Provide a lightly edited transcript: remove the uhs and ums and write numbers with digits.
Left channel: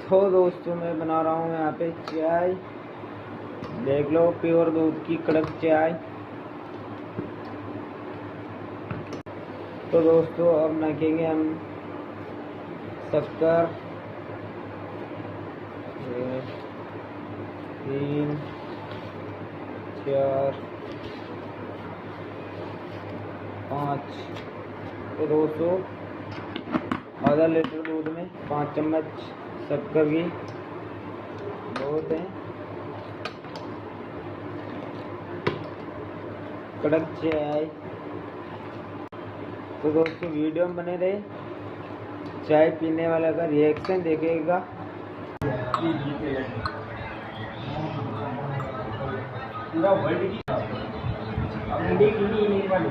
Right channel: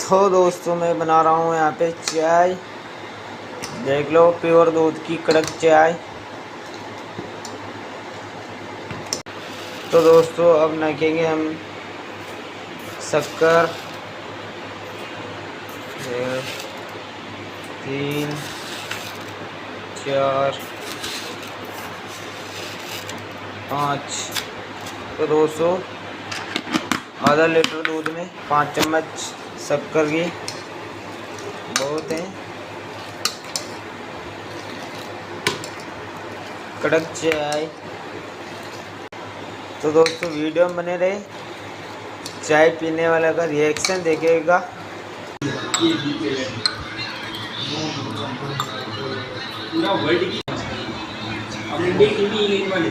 तो दोस्तों मैं बना रहा हूँ यहाँ पे चाय। देख लो, प्योर दूध की कड़क चाय। तो दोस्तों अब नाखेंगे हम शक्कर। 3 4 5। तो दोस्तों आधा लीटर दूध में 5 चम्मच शक्कर की बहुत है। कड़क चाय। तो दोस्तों वीडियो में बने रहे, चाय पीने वाला का रिएक्शन देखिएगा। पूरा वर्ल्ड की मतलब